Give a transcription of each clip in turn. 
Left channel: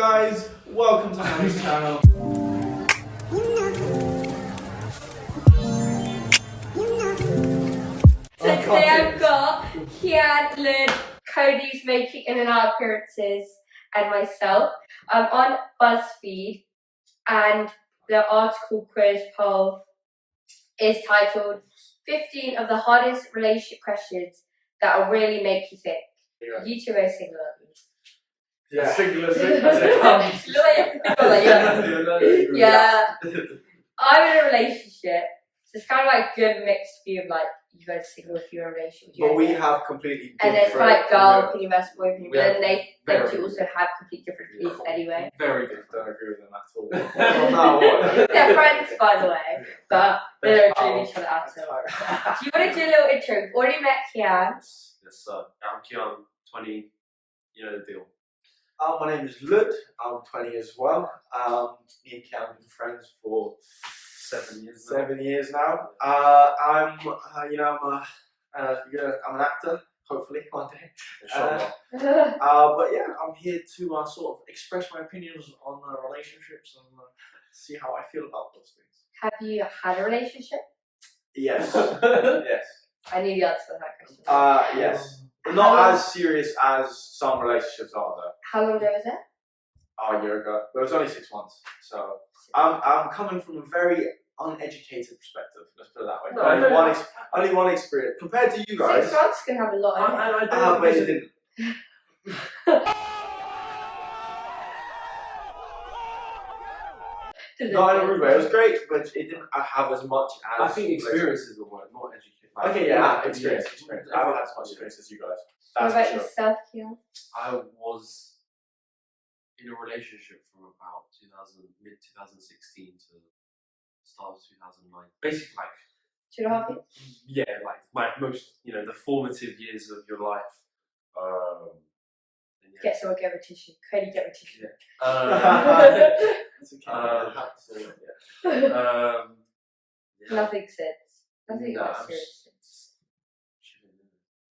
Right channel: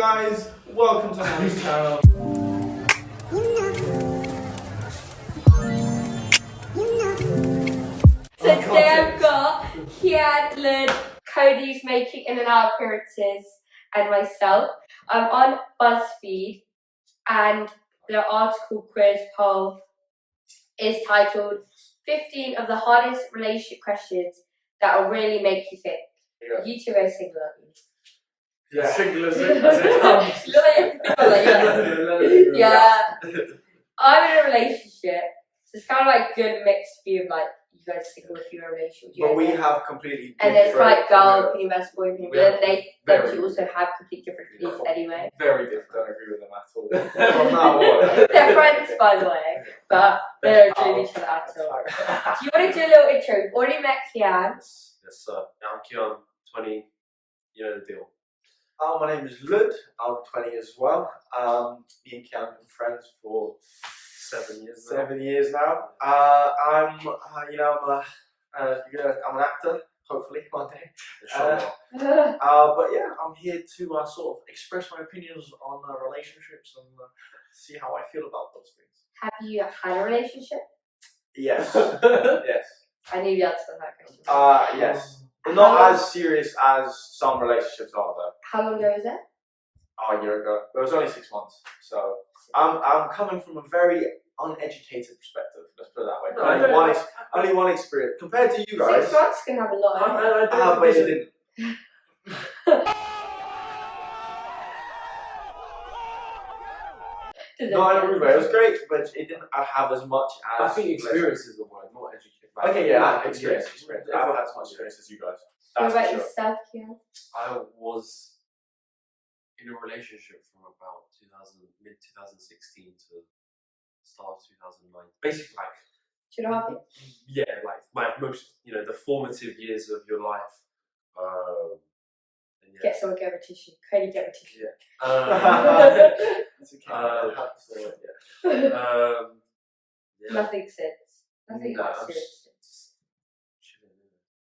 guys? Welcome to Melese channel. So today I've got Kian, Lyud, Cody's making in and out appearances, and myself. I'm on BuzzFeed, and the article quiz poll is titled 15 of the hardest relationship questions that will really make you think. You two are single, aren't you? Yeah, single as it comes. Yeah. I'm in a relationship, so it's kind of like a good mixed view of like you guys are single if you're in a relationship. But we have completely different. And there's like girl opinion versus boy opinion, but then they two also have completely different opinions anyway. Very different. I don't agree with them at all. They're friends, by the way, but they don't agree with each other at all. Do you want to do a little intro? We've already met Kian. Yes, sir. I'm Kian, 20. You know the deal. My name is Lyud. I'm 20 as well. Me and Kian have been friends for 7 years. 7 years now. I'm an actor. Hopefully one day. But yeah, I'm here to sort of express my opinions on relationships and see how I feel about those things. Have you had a relationship? Yes. Yes. I knew the answer to that question. Yes. Not as serious as some relationships are, though. How long ago was it? A year ago. But it was only 6 months. So I'm coming from a very uneducated perspective. Let's put it that way. No, only one experience compared to you guys. 6 months can have a lot. But it didn't. Not in a rude way. It was great, but it didn't have as much as. I think experience is the word, not education. Okay, yeah, experience. I haven't had as much experience as you guys. What That's about for sure. yourself, Kian? I was in a relationship from about mid 2016 to start of 2009. Basically, like 2.5 years? yeah, like my most, the formative years of your life. And yeah. Get someone get a tissue. Cody, get a tissue. It's okay. Yeah. Nothing since. Nothing No, like serious since.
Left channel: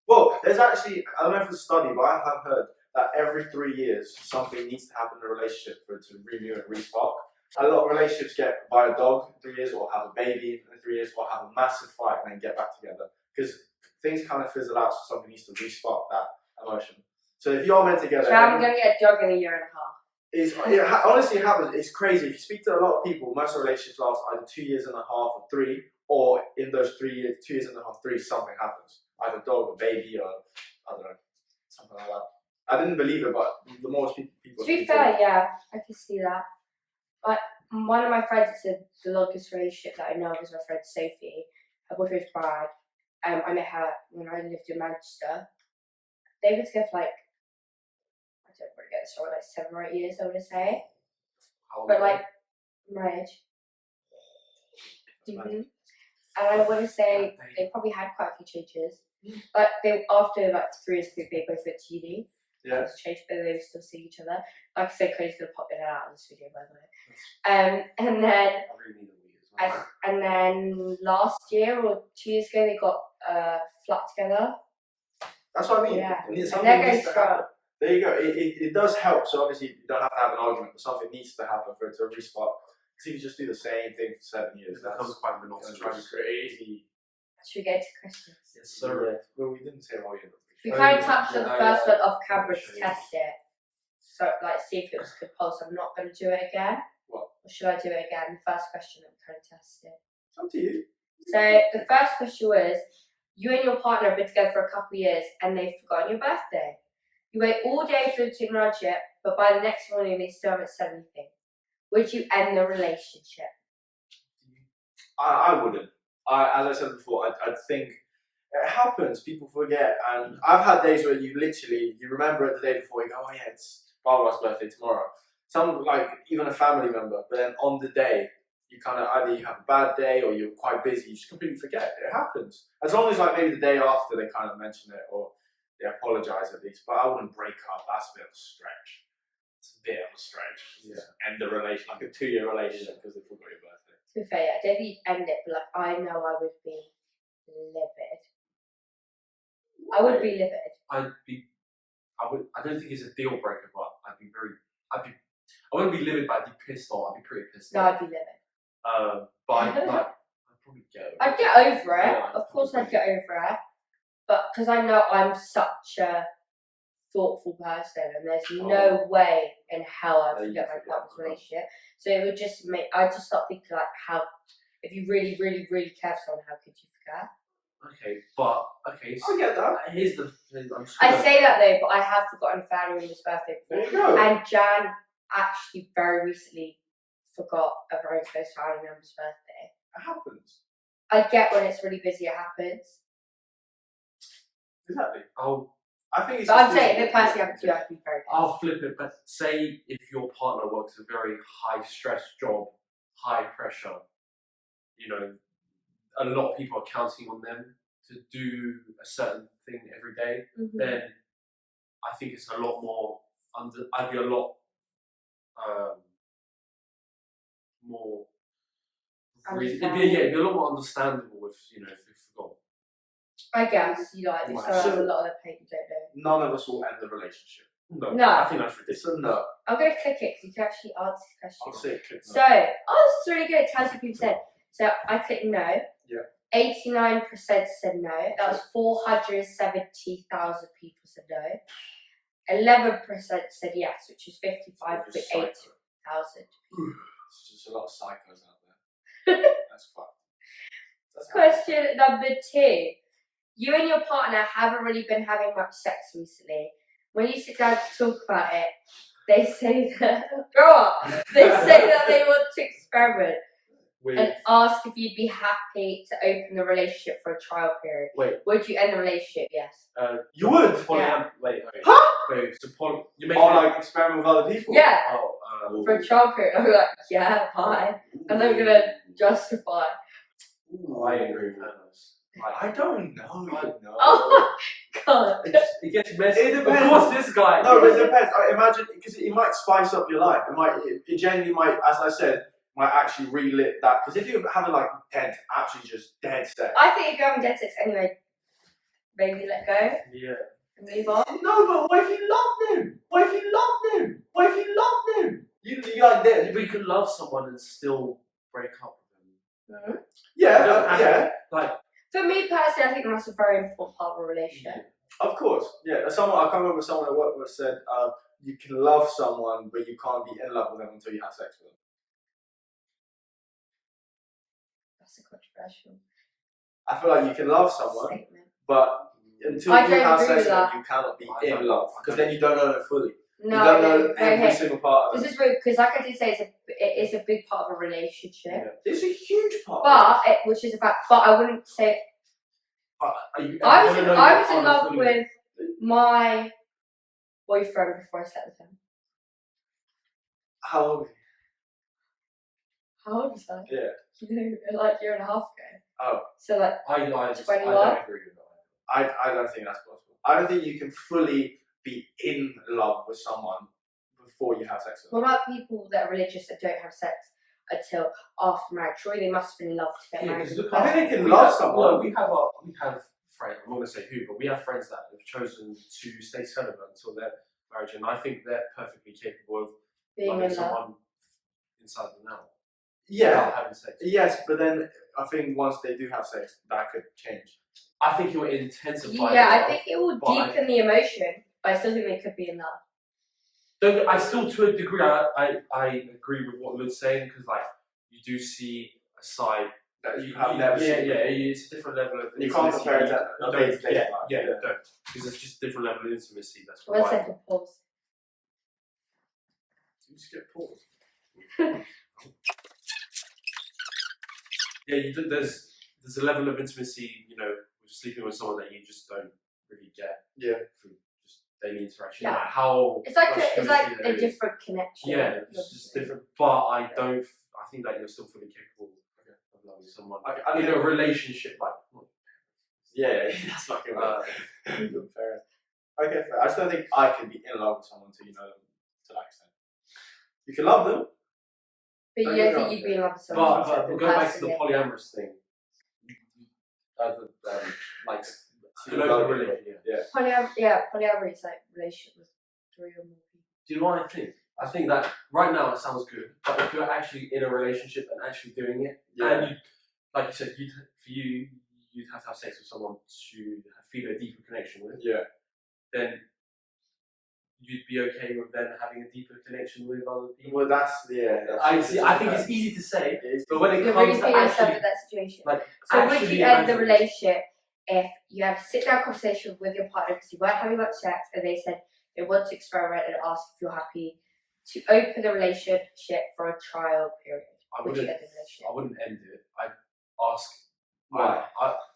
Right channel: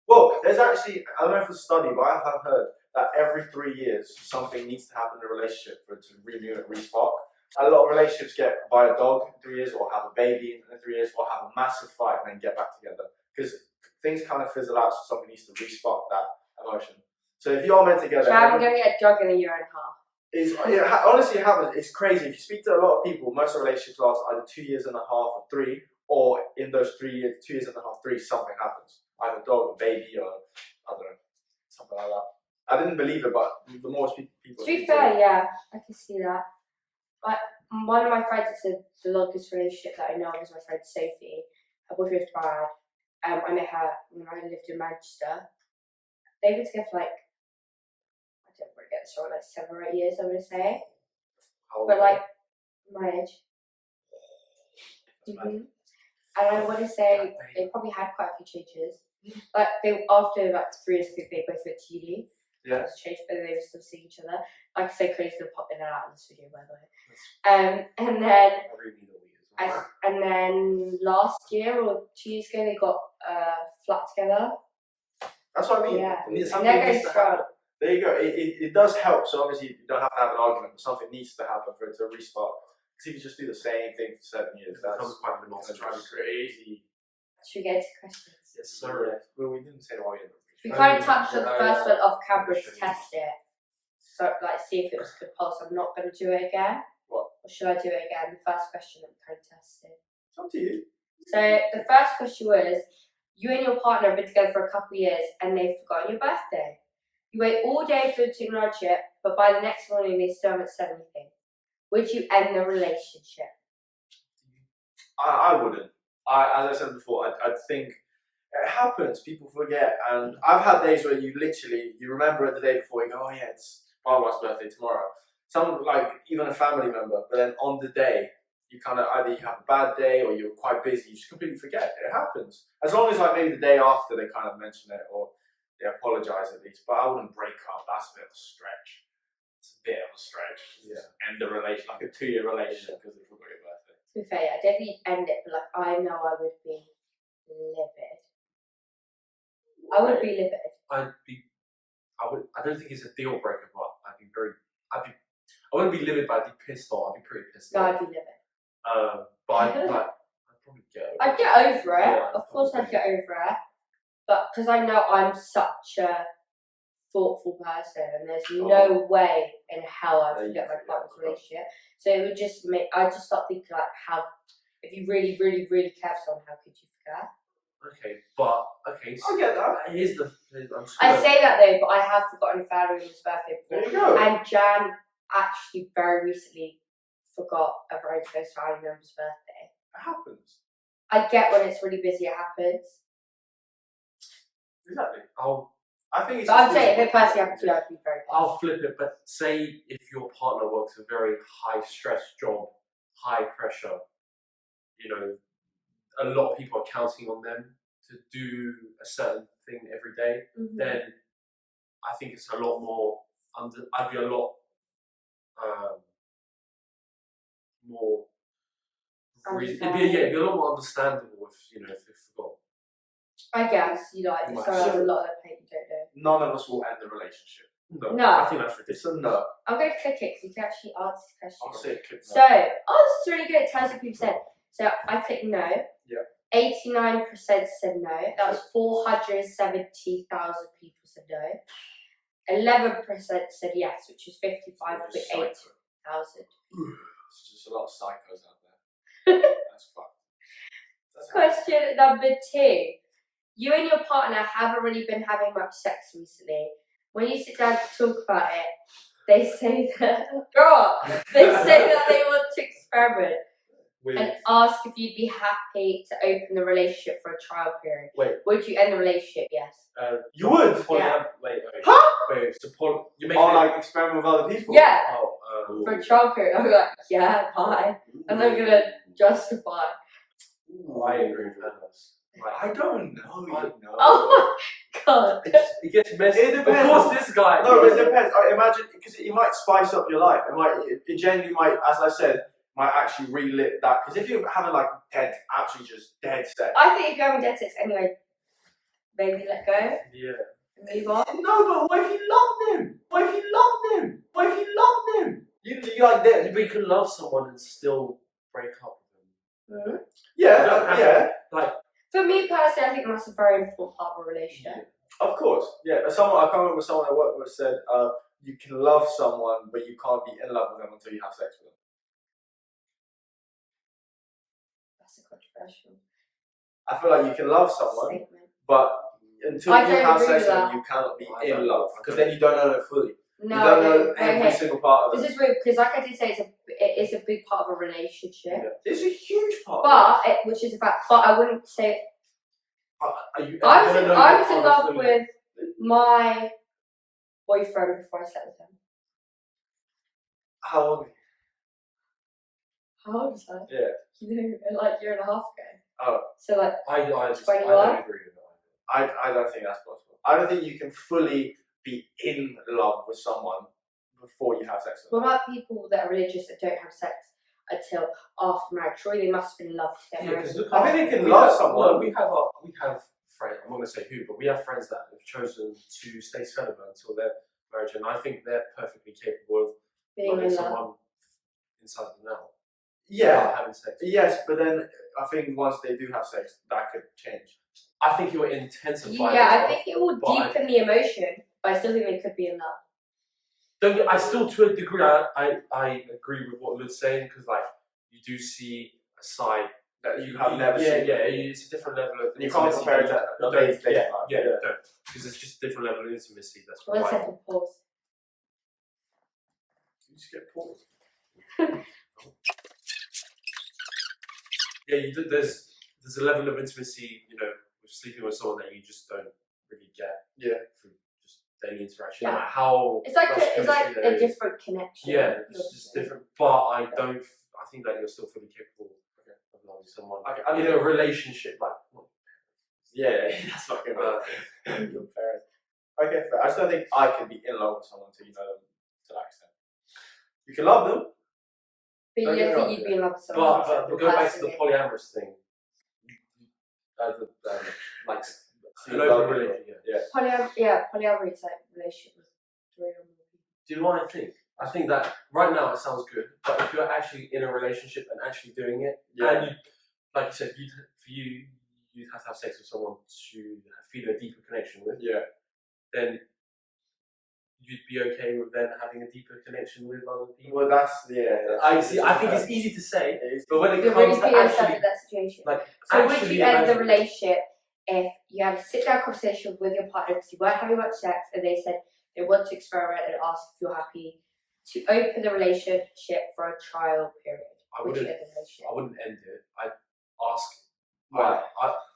Well, there's actually, I don't know if it's a study, but I have heard that every 3 years something needs to happen in a relationship for it to renew and respark. A lot of relationships get buy a dog in 3 years, or have a baby in 3 years, or have a massive fight and then get back together. Because things kind of fizzle out, so something needs to respark that emotion. So if you are meant together, So I'm going to get a dog in a year and a half. Honestly, it happens. It's crazy. If you speak to a lot of people, most relationships last either 2 years and a half or 3, or in those 3 years, 2 years and a half, 3, something happens. Either dog, a baby, or I don't know, something like that. I didn't believe it, but the more people. To be fair, yeah, I can see that. But one of my friends that said the longest relationship that I know is my friend Sophie. Her boyfriend was Brad. I met her when I lived in Manchester. They were together for like, I don't want to get this wrong, like 7 or 8 years, I would say. But like my age. And I want to say they probably had quite a few changes. Like after like 3 years, they both went to uni. Yeah. It's changed, but they were still seeing each other. Like I said, Cody's gonna pop in and out of this video, by the way. And then last year or 2 years ago, they got a flat together. That's what I mean. Yeah. Something needs to happen. There you go. It does help. So obviously you don't have to have an argument, but something needs to happen for it to respark. Because if you just do the same thing for 7 years, that's quite monotonous. Trying to crazy. Should we get into questions? Yes, sir. Well, we didn't say why you. We kind of touched on the first one off camera to test it. So, like, see if it was good pulse. I'm not going to do it again. What? Or should I do it again? The first question, I'm kind of testing. It's up to you. So, the first question was, you and your partner have been together for a couple of years and they've forgotten your birthday. You wait all day for them to acknowledge it, but by the next morning they still haven't said anything. Would you end the relationship? I wouldn't. As I said before, I'd think it happens. People forget, and I've had days where you remember it the day before. You go, oh yeah, it's Barbara's birthday tomorrow. Some like even a family member, but then on the day you kind of either you have a bad day or you're quite busy. You just completely forget. It happens. As long as like maybe the day after they kind of mention it or they apologize at least. But I wouldn't break up. That's a bit of a stretch. It's a bit of a stretch. Yeah. End the relation, like a 2-year relationship because they forgot your birthday. To be fair, yeah, definitely end it, but like I know I would be livid. I would be livid. I don't think it's a deal breaker, but I'd be I wouldn't be livid, but I'd be pissed off. I'd be pretty pissed No, off. I'd be livid. But I'd probably get over I'd it. get over it. Yeah, Of course, I'd get over it. But because I know I'm such a thoughtful person, and there's no way in hell I'd forget my partner's relationship. So it would just I'd just start thinking like, how, if you really, really, really care for someone, how could you forget? Okay, but so I get that. here's the. I say that though, but I have forgotten family on his birthday before. There you go. And Jan actually very recently forgot a very close family member's birthday. It happens. I get when it's really busy, it happens. Exactly. I think it's. But I'm saying, if it personally happened to you, I'd be very pissed. I'll flip it, but say if your partner works a very high stress job, high pressure, you know, a lot of people are counting on them to do a certain thing every day, then I think it's a lot more I'd be a lot more it'd be a lot more understandable if if forgot. I guess you like Right. so that's a lot of the pain you don't know. None of us will end the relationship. No. I think that's ridiculous. It's a no. I'm going to click it because you can actually answer this question. I'll say click no. So, this is really good. It tells you people said. So I clicked no. Yeah. 89% said no. That was 470,000 people said no. 11% said yes, which is 55,800. There's just a lot of psychos out there. That's fucked. Question number 2. You and your partner haven't really been having much sex recently. When you sit down to talk about it, they say that grow up. They say that they want to experiment and ask if you'd be happy to open the relationship for a trial period. Wait. Would you end the relationship? Yes. You would? Yeah. Wait. Huh? Wait, so you make like experiment with other people? Yeah. Oh, For a trial period. I'm like, yeah, fine. And I'm gonna justify. I agree with that. I don't know. Oh god. It gets messy. It depends. Of course, this guy. No, but it depends. I imagine because it might spice up your life. It genuinely might, as I said, might actually relit that. Because if you're having like actually just dead sex. I think if you're having dead sex anyway, maybe let go. Yeah. And move on. No, but what if you loved him? What if you loved him? What if you loved him? You like that? But you can love someone and still break up with them. Yeah. Like. For me personally, I think that's a very important part of a relationship. Of course, yeah. I can't remember someone I worked with said, you can love someone, but you can't be in love with them until you have sex with them. That's a controversial I feel like you can love someone, statement. But until you have sex with them, you cannot be in love, because then you don't know them fully. No, you don't know every single part of them. This is weird, because like I did say, it is a big part of a relationship. Yeah. It's a huge part. Which is a fact. But I wouldn't say. I was in love with my boyfriend before I slept with him. How old? How old was I? Yeah. Like a year and a half ago. Oh. So like. I don't 21? agree with that. I don't think that's possible. I don't think you can fully be in love with someone before you have sex with them. What about people that are religious that don't have sex until after marriage? Surely they must have been in love to get married. I think they can love someone. We have friends. I'm not going to say who, but we have friends that have chosen to stay celibate until their marriage, and I think they're perfectly capable of loving someone inside them now. Yeah. Without having sex. Yes, but then I think once they do have sex, that could change. I think it will intensify. Yeah, I think it will deepen the emotion, but I still think they could be in love. I still, to a degree, I agree with what Lud's saying, because like you do see a side that you have never seen. Yeah, it's a different level of. You can't compare it to day-to-day life. Yeah, you don't, because it's just a different level of intimacy. That's why. 1 second, pause. You just get paused. Yeah, there's a level of intimacy, with sleeping with someone that you just don't really get. Yeah. Through just daily interaction. Yeah. No matter how. It's like a different connection. Yeah, it's just different. But I think that you're still fully capable of loving someone. Okay, in a relationship, like. Yeah, that's fucking right. Good parent. Okay, fair. I just don't think I can be in love with someone until you know them to that extent. You can love them. But you don't think you'd be in love with someone. But going back to the polyamorous thing, polyamory is like relationship with 3 or more people. Do you know what I think? I think that right now it sounds good, but if you're actually in a relationship and actually doing it, and you, like you said, you'd have to have sex with someone to feel a deeper connection with. Yeah. Then you'd be okay with them having a deeper connection with other people. Well, that's I see. I think it's easy to say, but when it You're comes really to putting yourself actually, in that situation. like, So would actually you end the imagine- relationship if you had a sit-down conversation with your partner because you weren't having much sex and they said they want to experiment and ask if you're happy to open the relationship for a trial period? Would you end the relationship? I wouldn't end it. I'd ask Why?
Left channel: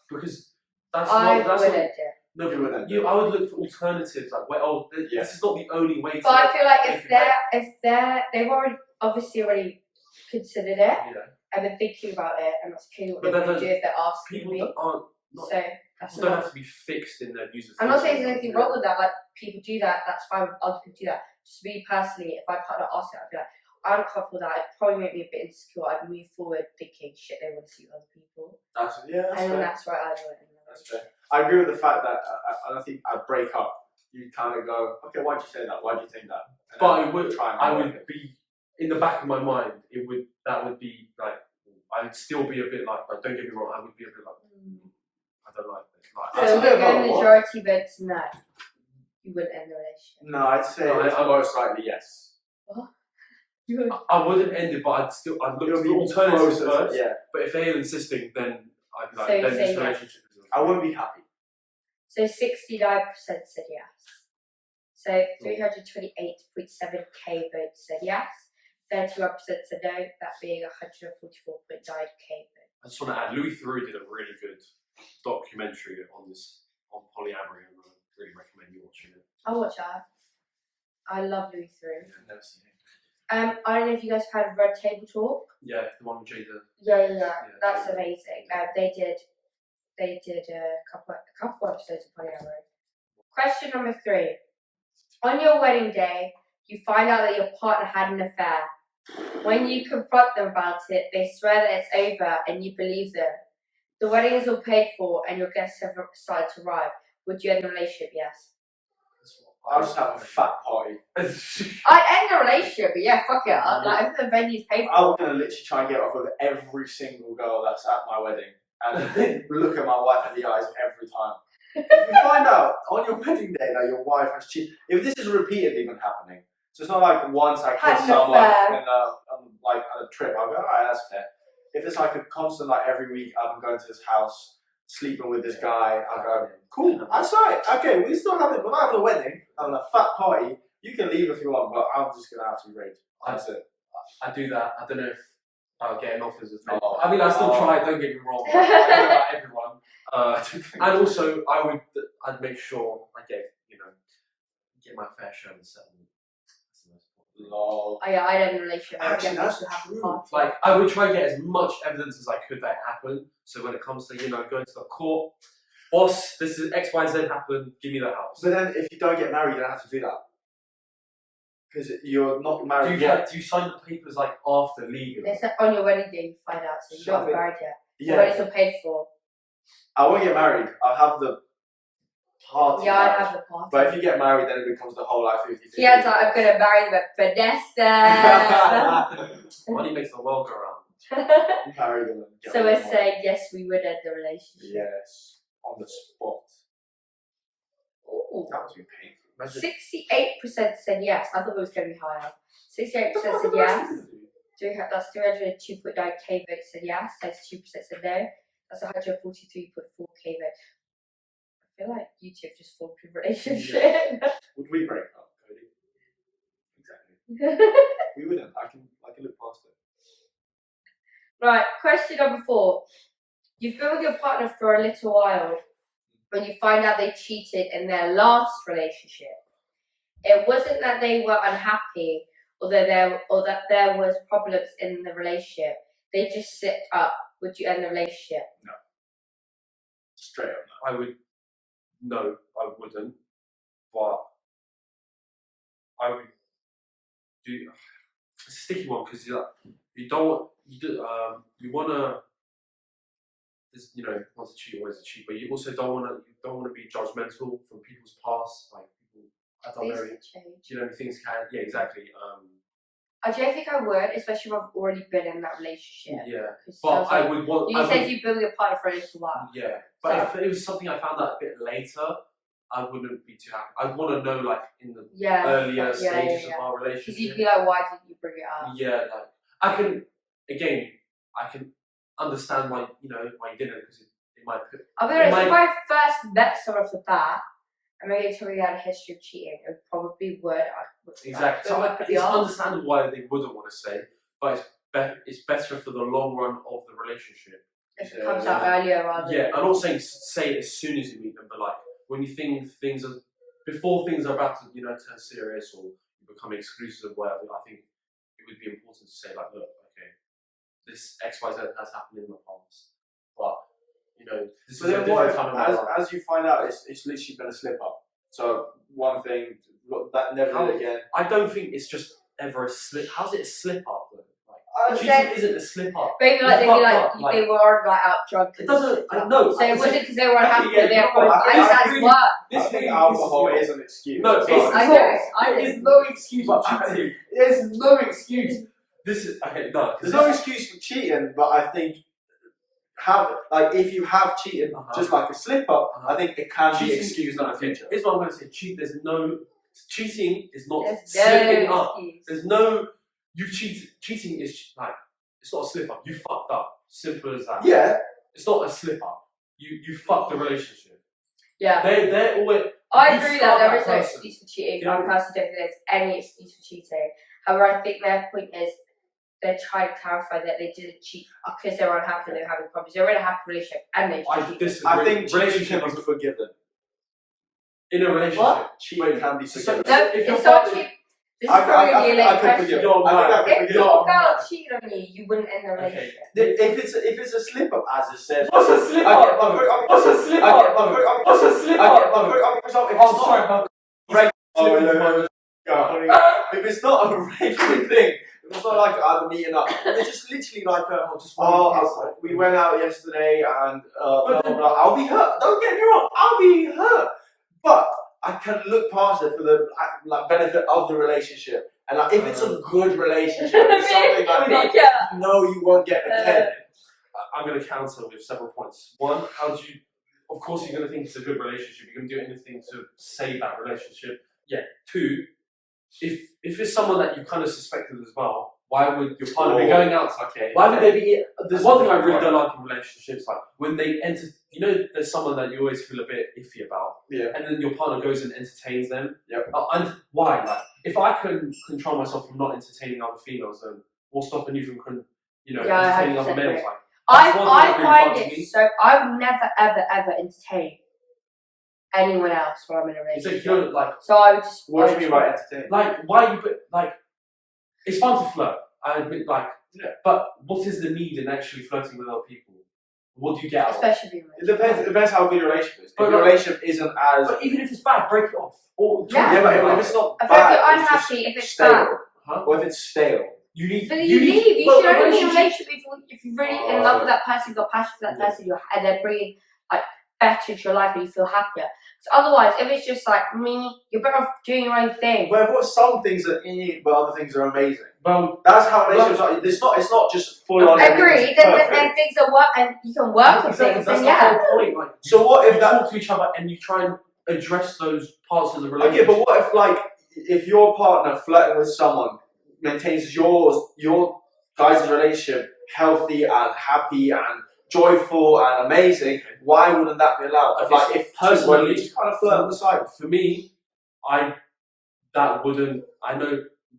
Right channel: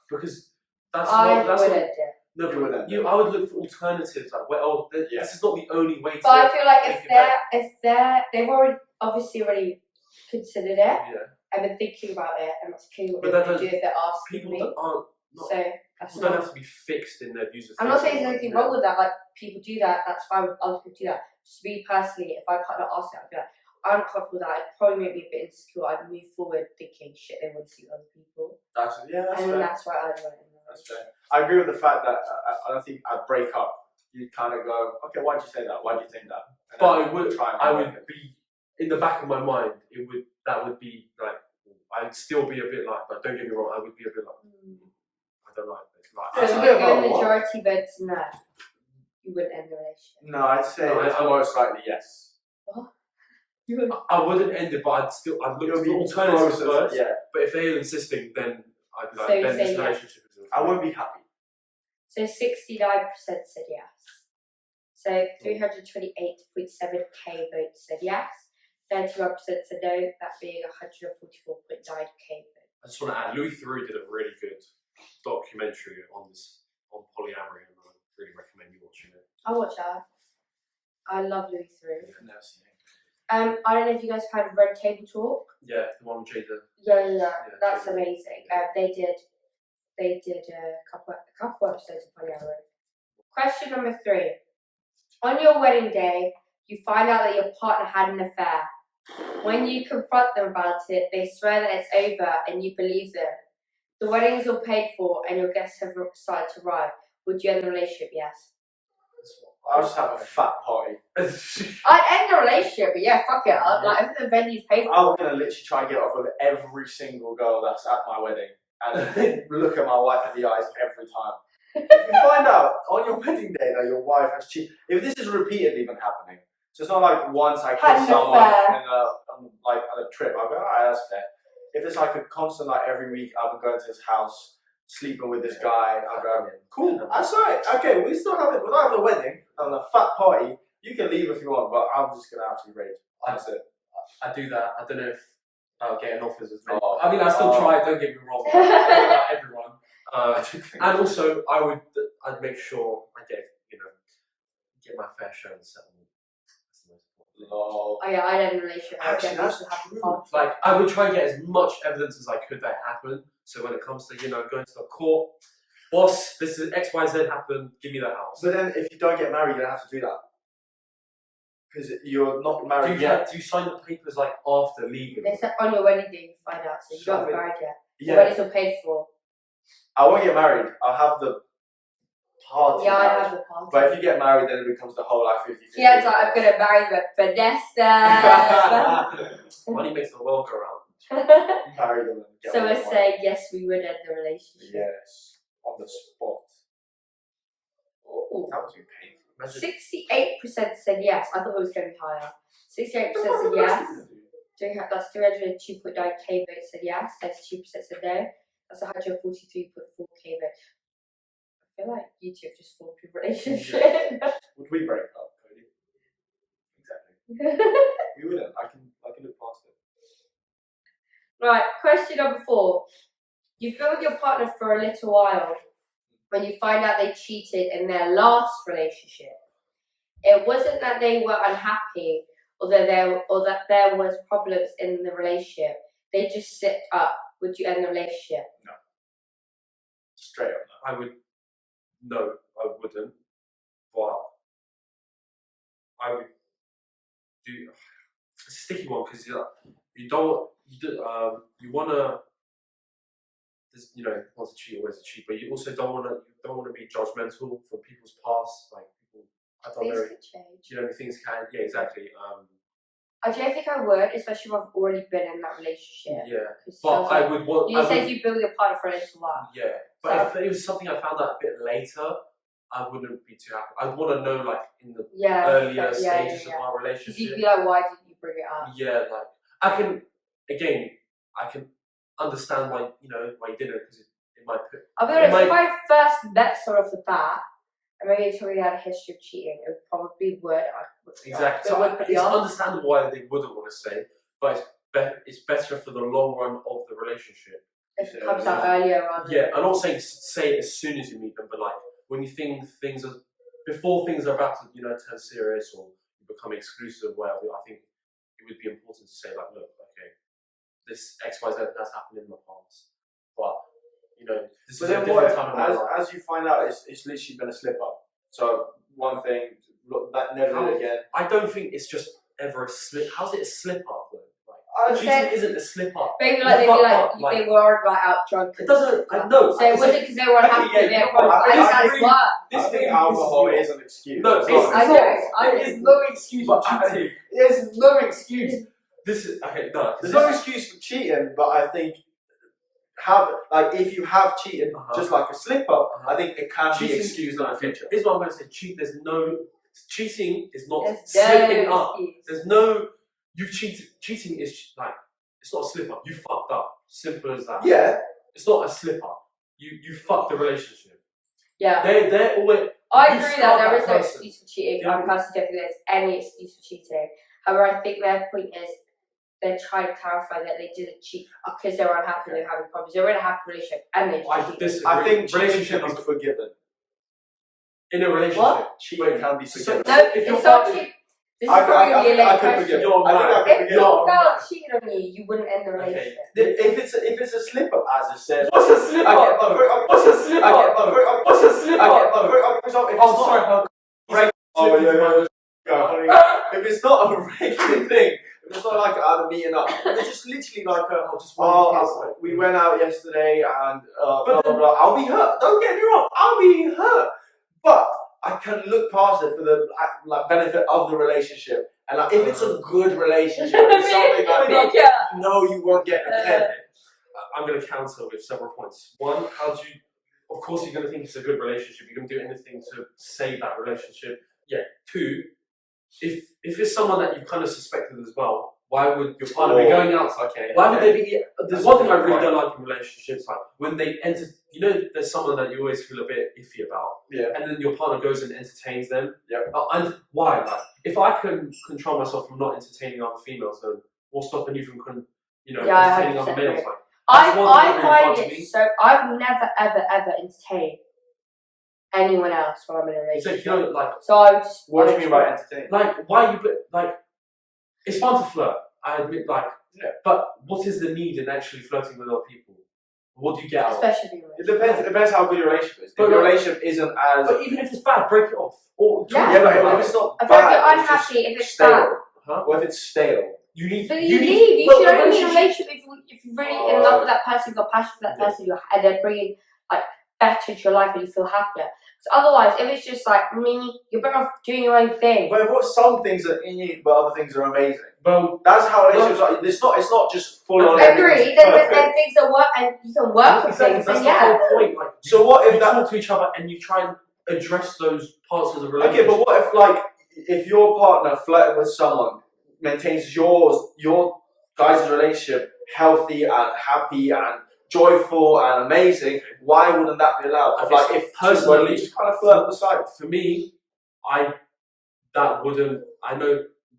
because that's I not. That's would not. end it. No, You wouldn't. I would look for alternatives. Like, well, this is not the only way to. But I feel like make it better. they've already considered it Yeah. and been thinking about it, and that's clearly what But they that would do if they're asking People me. that aren't. Not, So that's people don't not. have to be fixed in their views of I'm not saying there's thinking. anything wrong with that. Like people do that, that's fine. Other people do that. Just me personally, if my partner asked it, I'd be like, I'm uncomfortable with that. It'd probably make me a bit insecure. I'd move forward thinking, shit, they want to see other people. That's And then fair. that's where I'd want it. That's fair. I agree with the fact that I don't think I'd break up. You'd kind of go, okay, why'd you say that? Why'd you think that? And But then I would. try and I make would it. be in the back of my mind. That would be like. I'd still be a bit like. But don't get me wrong. I would be a bit like. I don't like this. Like, That's So a we're bit of a going what? majority votes no. You wouldn't end the relationship. No, I'd say No, it's I- most likely yes. You would. I wouldn't end it, but I'd look It'll for be alternatives closer, first. yeah. But if they're insisting, then I'd be like, So you then say this yes. relationship is. I wouldn't be happy. So 69% said yes. So 328.7k votes said yes. 31% said no, that being 144.9k votes. I just want to add, Louis Theroux did a really good documentary on polyamory, and I really recommend you watching it. I'll watch that. I love Louis Theroux. I've never seen it. I don't know if you guys heard of Red Table Talk. Yeah, the one with Jada. Yeah. That's Jada. amazing. They did a couple episodes of polyamory. Question number 3. On your wedding day, you find out that your partner had an affair. When you confront them about it, they swear that it's over and you believe them. The wedding is all paid for and your guests have started to arrive. Would you end the relationship? Yes. I'll just have a fat party. I'd end the relationship, but yeah, fuck it. Like, if the venue's paid for. I'm gonna literally try and get off with every single girl that's at my wedding and look at my wife in the eyes every time. If you find out on your wedding day that your wife has cheated, if this is repeatedly been happening, so it's not like once I Had kiss an someone affair. like at a trip, I'll go, alright, that's fair. If it's like a constant, like every week I'm going to his house, sleeping with this guy, I'll go, cool, that's right. Okay, we're not having a wedding, having a fat party. You can leave if you want, but I'm just gonna absolutely rage. That's it. I do that. I don't know if I'll get an offers as many. Oh. I mean, I still try. Don't get me wrong. I don't know about everyone. And also, I'd make sure I get my fair share of the settlement. That's the most important. Lol. Oh yeah, I'd end the relationship. I'd Actually, definitely that's still have the true. party. Like, I would try and get as much evidence as I could that happened. So when it comes to going to the court, boss, this is X, Y, Z happened. Give me that house. But then, if you don't get married, you don't have to do that because you're not Do married you, yet. do you sign the papers like after legally? They said on your wedding day you find out, so you don't Shove have it. married yet. The Yeah, wedding's all paid for. I won't get married. I'll have the party. Yeah, I'd marriage. have the party. But if you get married, then it becomes the whole like 50-50. Kian's like, I'm gonna marry them at Vanessa. Money makes the world go round. Marry them and get So all we're the money. saying yes, we would end the relationship. Yes, on the spot. Ooh. That must be painful. Imagine 68% said yes. I thought it was going to be higher. 68% said yes. That's 302.9k votes said yes. 32% said no. That's 143.4k votes. I feel like you two have just formed a relationship. Would we break up, Cody? Exactly. We wouldn't. I can look past it. Right, question number 4. You've been with your partner for a little while when you find out they cheated in their last relationship. It wasn't that they were unhappy or that there was problems in the relationship. They just slipped up. Would you end the relationship? Straight up. I would. No, I wouldn't. But I would do. It's a sticky one because you don't. You wanna. Not to cheat, always a cheat, but you also don't wanna be judgmental from people's past. Like people, I don't Things know. can change. You know, things can. Yeah, exactly. I don't think I would, especially if I've already been in that relationship. Yeah, 'Cause but sounds I like- would want. You I said would, you build your partner for a little while. yeah, but if it was something I found out a bit later, I wouldn't be too happy. I'd want to know, like, in the Yeah. earlier stages of our Because you'd relationship. be like, why did you bring it up? Yeah, like I can understand why you didn't, because it might put. I'll be honest, if I first met someone off the bat, and maybe they told me they had a history of cheating, it probably would. Exactly. So it's understandable why they wouldn't want to say, but it's better for the long run of the relationship. If it comes out earlier rather than... Yeah, I'm not saying say it as soon as you meet them, but like when you think things are, before things are about to, turn serious or become exclusive or whatever, I think it would be important to say, like, look, okay, this XYZ has happened in the past, but this But is a then what different if, time in my life. as you find out, it's literally been a slip up. So one thing, that never did it again. I don't think it's just ever a slip. How's it a slip up though? Cheating isn't a slip up. Maybe they were out drunk. It doesn't. I know. So it wasn't because they were unhappy with their I think alcohol is an excuse. No, it's not. There is no excuse for cheating. There's no excuse. This is okay. No, there's no excuse for cheating, but I think if you have cheated just like a slip up, I think it can be excused in the future. Here's what I'm going to say. Cheating is not slipping up. There's no. You've cheated. Cheating is like, it's not a slip up. You fucked up. Simple as that. Yeah. It's not a slip up. You fucked the relationship. Yeah. They're always. I agree that there is no excuse for cheating. I personally don't think there's any excuse for cheating. However, I think their point is they're trying to clarify that they didn't cheat because they were unhappy, they were having problems. They were in a happy relationship and they cheated. I think relationship can be forgiven. In a relationship, what? Cheating can be forgiven. No, it's not cheating. I could forgive. If your girl cheated on you, you wouldn't end the relationship. If it's a slip up, as it says. What's a slip up? What's a slip up? What's a slip up? If it's not a regular thing, if it's not like either meeting up, if it's just literally like we went out yesterday and blah blah blah. I'll be hurt. Don't get me wrong. I'll be hurt, but I can look past it for the benefit of the relationship. And if it's a good relationship, it's something like you won't get again. I'm going to counter with several points. One, of course you're going to think it's a good relationship. You're going to do anything to save that relationship. Yeah. Two, if it's someone that you kind of suspected as well, why would your partner be going out? Why would they be? There's one thing I really don't like in relationships, like when they enter. There's someone that you always feel a bit iffy about, and then your partner goes and entertains them. And why? Like, if I can control myself from not entertaining other females, then what's stopping you from, entertaining other males? Like, I find it so. I've never ever entertained anyone else when I'm in a relationship. So I would just. What do you mean by entertaining? Like, why you like? It's fun to flirt. I admit, but what is the need in actually flirting with other people? What do you get out of it? Especially it depends how good your relationship is. If your relationship isn't as... But even if it's bad, break it off. But if it's not bad, if you're unhappy, if it's stale. bad. Or if it's stale. You leave. You should only be in a relationship if you're really in love with that person, you've got passion for that person, and they're bringing better into your life and you feel happier. So otherwise, if it's just you're better off doing your own thing. But what some things are but other things are amazing. Well, that's how relationships are. It's not just full on. I agree. Then things are work, and you can work with things. That's the whole point. So what if you talk to each other and you try and address those parts of the relationship? Okay, but what if your partner flirting with someone maintains your guys' relationship healthy and happy and joyful and amazing? Why wouldn't that be allowed? If personally, just kind of flirt on the side. For me, I know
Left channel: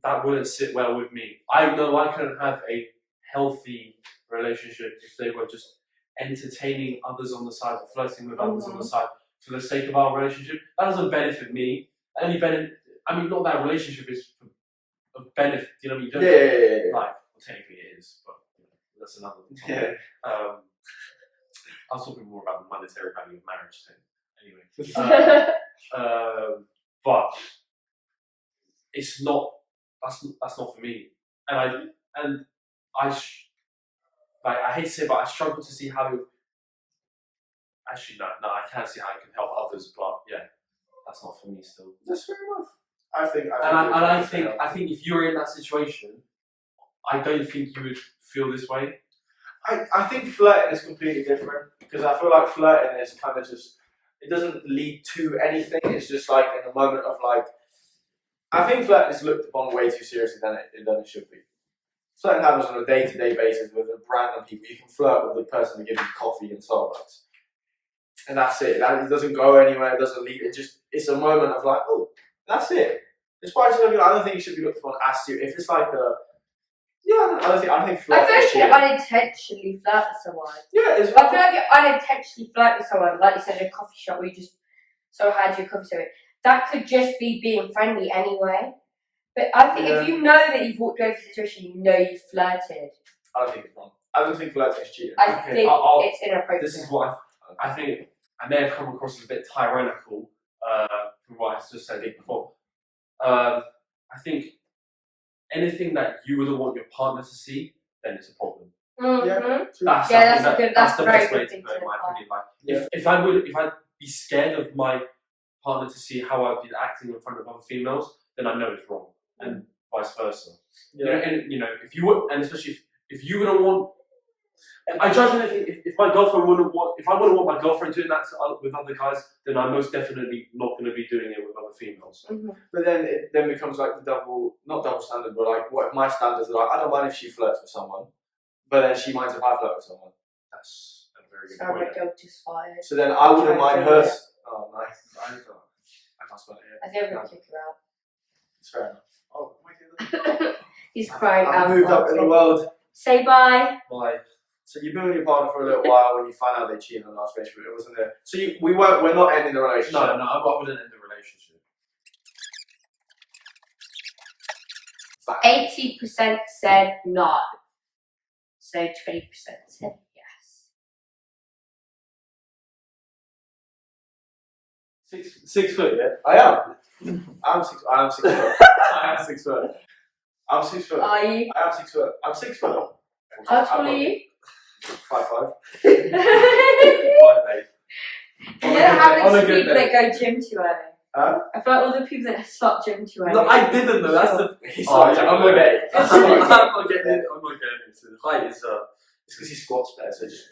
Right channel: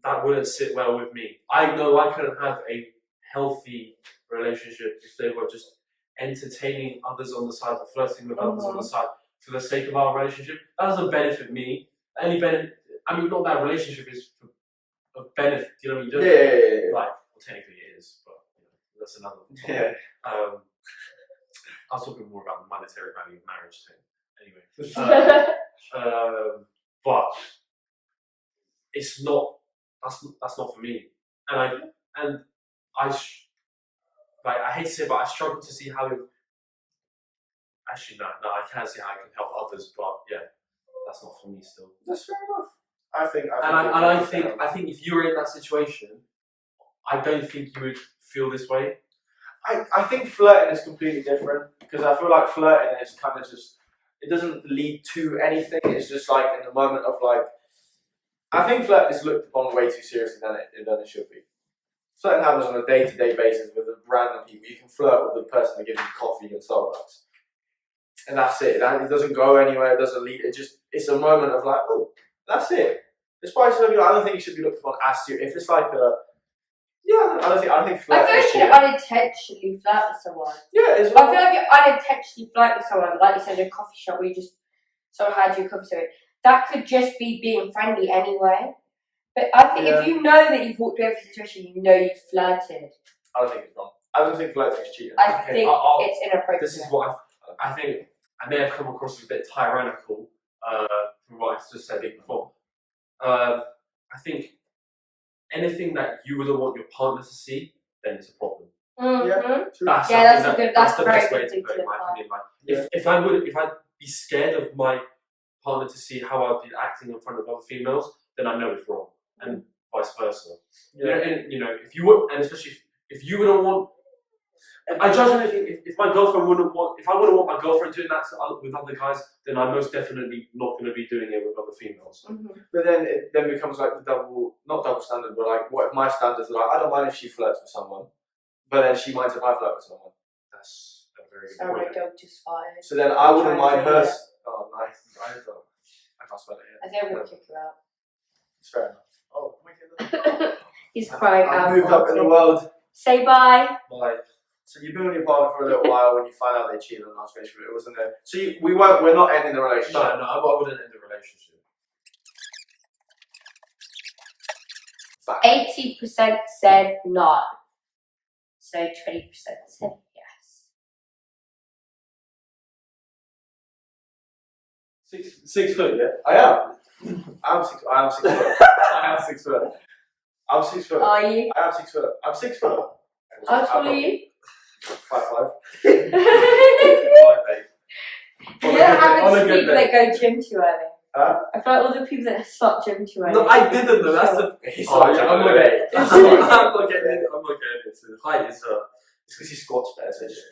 that wouldn't sit well with me. I know I couldn't have a healthy relationship if they were just entertaining others on the side or flirting with others on the side for the sake of our relationship. That doesn't benefit me. Not that relationship is of benefit. You know what I mean? Technically it is, but that's another topic. Yeah. I was talking more about the monetary value of marriage thing. Anyway, but it's not. That's not for me. And I hate to say it, but I struggle to see how. Actually, no, I can't see how I can help others. But yeah, that's not for me still. That's fair enough. I think if you were in that situation, I don't think you would feel this way. I think flirting is completely different because I feel like flirting is kind of just, it doesn't lead to anything. It's just like in the moment of like, I think flirting is looked upon way too seriously than it should be. Flirting happens on a day-to-day basis with random people. You can flirt with the person that gives you coffee and Starbucks, and that's it. It doesn't go anywhere. It doesn't lead. It's a moment of like, oh, that's it. Despite I don't think it should be looked upon as serious. If it's like a I don't think flirting. I feel like you unintentionally flirt with someone. Yeah, it's. I feel like you unintentionally flirt with someone, like you said, in a coffee shop where you just so had your coffee. So that could just be being friendly anyway. But I think if you know that you've walked over the situation, you know you've flirted. I don't think it's wrong. I don't think flirting is cheating. I think it's inappropriate. This is what I think. I may have come across as a bit tyrannical from what I just said before. I think anything that you wouldn't want your partner to see, then it's a problem. Mm-hmm. Yeah, true. That's the best way to put it, in my opinion. Like, if I'd be scared of my partner to see how I've been acting in front of other females, then I know it's wrong, and vice versa. Yeah. If you would, and especially if you wouldn't want. I judge anything. If my girlfriend wouldn't want, if I wouldn't want my girlfriend doing that with other guys, then I'm most definitely not going to be doing it with other females. Mm-hmm. But then it becomes like not double standard, but like what if my standards are like, I don't mind if she flirts with someone, but then she minds if I flirt with someone. That's a very good point. So then I wouldn't mind her. Oh, nice. I can't spell it yet. I think we'll kick her out. It's fair enough. Oh, my goodness. He's crying out. I've moved up in the world. Say bye. Bye. So you've been with your partner for a little while when you find out they cheated on the last relationship. It wasn't there. So we're not ending the relationship. No, I wouldn't end the relationship. 80% said no. So 20% said yes. 6 foot, yeah. I am. I am 6 foot. I am 6 foot. I'm 6 foot. Are you? I am 6 foot. I'm 6 foot. How tall are you? 5'5". 5'8". You don't have On a these good people day. that go gym too early. Huh? I feel like all the people that start gym too early. No, I didn't though. That's the. He's Oh, like, yeah, I'm I'm not late. I'm not getting into the height. Is It's because he squats better, so just.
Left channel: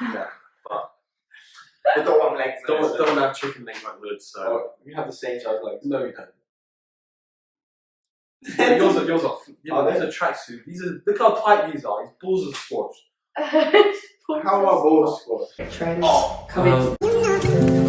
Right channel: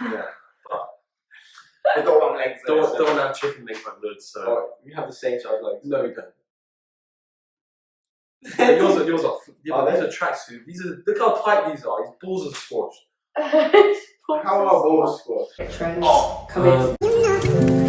yeah. I don't want legs. Don't have chicken legs like Lyud, so. Oh, we have the same size legs. No, we don't. yours are these are tracksuit. Look how tight these are. His balls are squashed. How are balls squashed? Come in.